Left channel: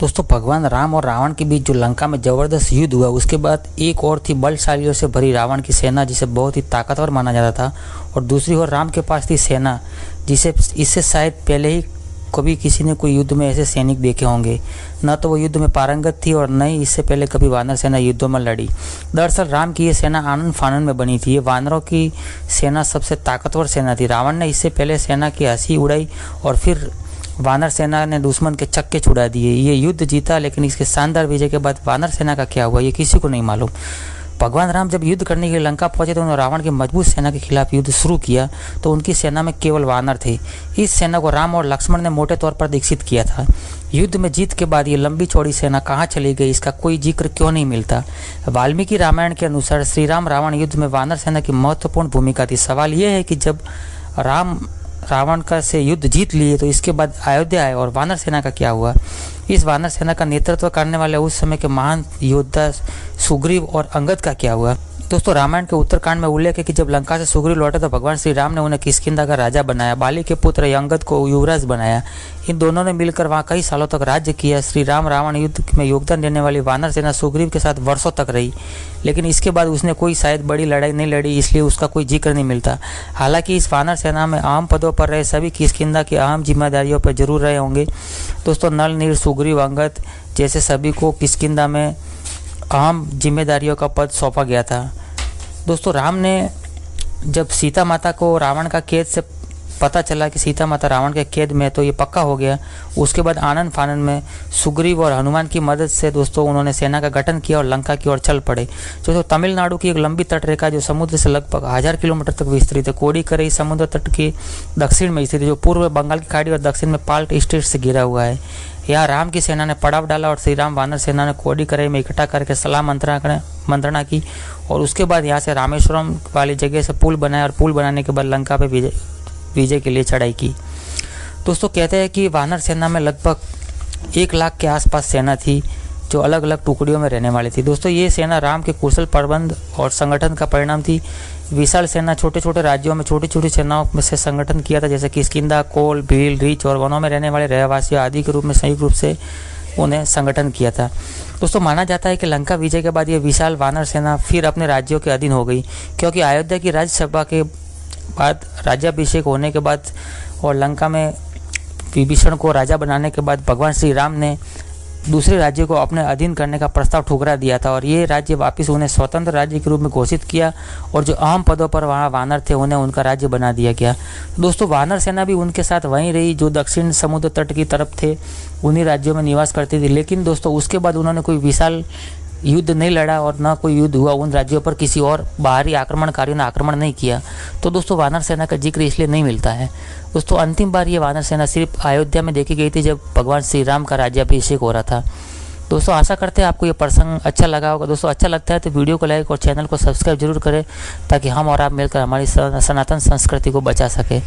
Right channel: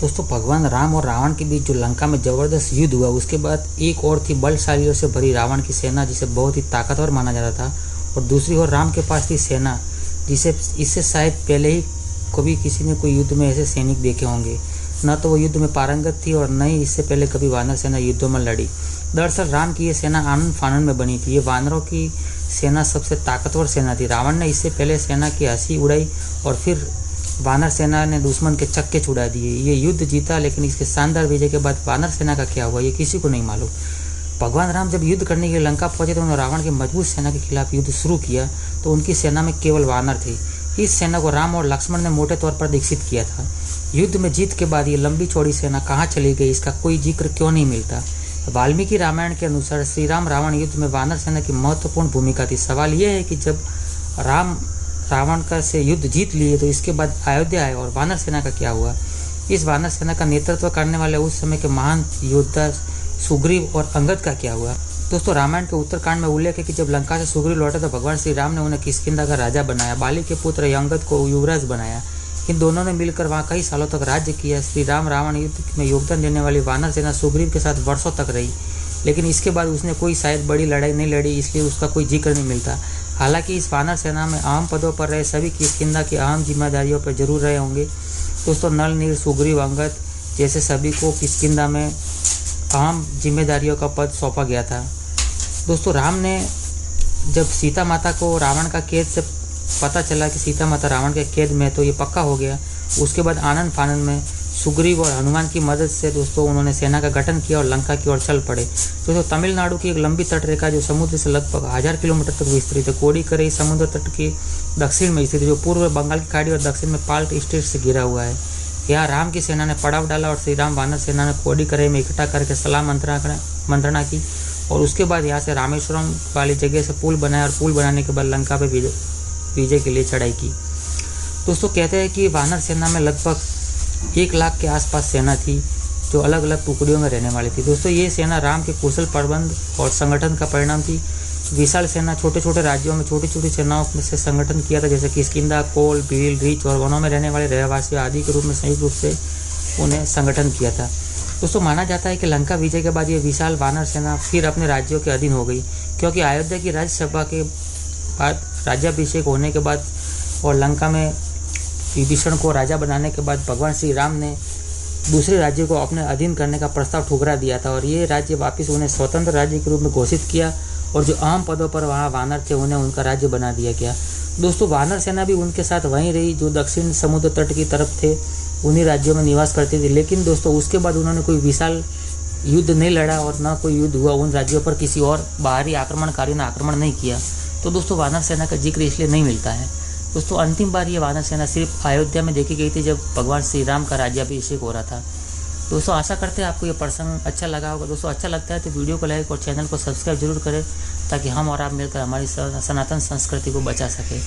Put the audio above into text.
दोस्तों भगवान राम और रावण के बीच जो लंका में जबरदस्त युद्ध हुआ, उसके बाद एक और थी बलशालियों से भरी रावण की सेना, जिसे बहुत ही ताकतवर माना जाता था। और दूसरी ओर राम के पास थी सेना, जिसे इससे शायद पहले ही कभी किसी ने कोई युद्ध में ऐसे सैनिक देखे होंगे। न तो वो युद्ध में पारंगत थी और न ही इससे पहले कभी वानर सेना युद्धों में लड़ी। दरअसल राम की ये सेना आनंद फानन में बनी थी। ये वानरों की सेना सबसे ताकतवर सेना थी। रावण ने इससे पहले सेना की हंसी उड़ाई और फिर वानर सेना ने दुश्मन के चक्के छुड़ा दिए। ये युद्ध जीता, लेकिन इसके शानदार विजय के बाद वानर सेना का क्या हुआ ये किसी को नहीं मालूम। भगवान राम जब युद्ध करने के लिए लंका पहुंचे तो उन्होंने रावण की मजबूत सेना के खिलाफ युद्ध शुरू किया, तो उनकी सेना में केवल वानर थे। इस सेना को राम और लक्ष्मण ने मोटे तौर पर दीक्षित किया था। युद्ध में जीत के बाद ये लंबी चौड़ी सेना कहाँ चली गई, इसका कोई जिक्र क्यों नहीं मिलता। वाल्मीकि रामायण के अनुसार श्री राम रावण युद्ध में वानर सेना की महत्वपूर्ण भूमिका थी। सवाल यह है कि जब राम रावण का से युद्ध जीत लिए तो इसके बाद अयोध्या आए और वानर सेना का क्या हुआ। इस वानर सेना का नेतृत्व करने वाले उस समय के महान योद्धा सुग्रीव और अंगद का क्या हुआ। दोस्तों रामायण के उत्तरकांड में उल्लेख है कि जब लंका से सुग्रीव लौटे तो भगवान श्री राम ने उन्हें किष्किंधा का राजा बनाया। बाली के पुत्र अंगद को युवराज बनाया। इन दोनों ने मिलकर वहाँ कई सालों तक राज्य किया। श्री राम रावण युद्ध में योगदान देने वाली वानर सेना सुग्रीव के साथ वर्षों तक रही, लेकिन इसके बाद उसने कोई शायद बड़ी लड़ाई नहीं लड़ी, इसलिए उसका कोई जिक्र नहीं मिलता। हालांकि इस वानर सेना में अहम पदों पर रहे सभी किष्किंधा की अहम जिम्मेदारियों पर जरूर रहे होंगे। दोस्तों नल, नील, सुग्रीव, अंगद जैसे सभी को किष्किंधा में अहम जिम्मेदारियों का पद सौंपा गया था। दोस्तों राम ने जब सीता माता को रावण का कैद से पता चला कि सीता माता रावण के कैद में, तो ये पक्का हो गया। उसके बाद आनंद फानन में सुग्रीव और हनुमान की मदद से दोस्तों उन्होंने सेना का गठन किया और लंका की ओर चल पड़े। तो तमिलनाडु की एक लंबी तटरेखा जो समुद्र से लगभग 1000 किलोमीटर तक विस्तृत है। कोडिकरई समुद्र तट के दक्षिण में स्थित है, जो पूर्व बंगाल की खाड़ी और दक्षिण में पाल्ट स्टेट से घिरा हुआ है। यहाँ राम की सेना ने पड़ाव डाला और श्री राम वानर सेना ने कोडिकरई में इकट्ठा करके सलाह मंत्रणा की और उसके बाद यहाँ से रामेश्वरम वाली जगह से पुल बनाया और पुल बनाने के बाद लंका पे विजय के लिए चढ़ाई की। दोस्तों कहते हैं कि वानर सेना में लगभग 1 लाख के आसपास सेना थी, जो अलग अलग टुकड़ियों में रहने वाली थी। दोस्तों ये सेना राम के कुशल प्रबंध और संगठन का परिणाम थी। विशाल सेना छोटे छोटे राज्यों में छोटी छोटी सेनाओं में से संगठन किया था, जैसे किष्किंधा, कोल, भील, रीछ और वनों में रहने वाले रहवासियों आदि के रूप में संयुक्त रूप से उन्हें संगठन किया था। दोस्तों माना जाता है कि लंका विजय के बाद ये विशाल वानर सेना फिर अपने राज्यों के अधीन हो गई, क्योंकि अयोध्या की राज्यसभा के बाद राज्याभिषेक होने के बाद और लंका में विभीषण को राजा बनाने के बाद भगवान श्री राम ने दूसरे राज्य को अपने अधीन करने का प्रस्ताव ठुकरा दिया था और ये राज्य वापस उन्हें स्वतंत्र राज्य के रूप में घोषित किया और जो अहम पदों पर वहाँ वानर थे उन्हें उनका राज्य बना दिया गया। दोस्तों वानर सेना भी उनके साथ वहीं रही जो दक्षिण समुद्र तट की तरफ थे, उन्हीं राज्यों में निवास करती थी। लेकिन दोस्तों उसके बाद उन्होंने कोई विशाल युद्ध नहीं लड़ा और न कोई युद्ध हुआ उन राज्यों पर, किसी और बाहरी आक्रमणकारियों ने आक्रमण नहीं किया। तो दोस्तों वानर सेना का जिक्र इसलिए नहीं मिलता है। दोस्तों अंतिम बार ये वानर सेना सिर्फ अयोध्या में देखी गई थी जब भगवान श्री राम का राज्याभिषेक हो रहा था। दोस्तों आशा करते हैं आपको ये प्रसंग अच्छा लगा होगा। दोस्तों अच्छा लगता है तो वीडियो को लाइक और चैनल को सब्सक्राइब जरूर करें, ताकि हम और आप मिलकर हमारी सनातन संस्कृति को बचा सकें।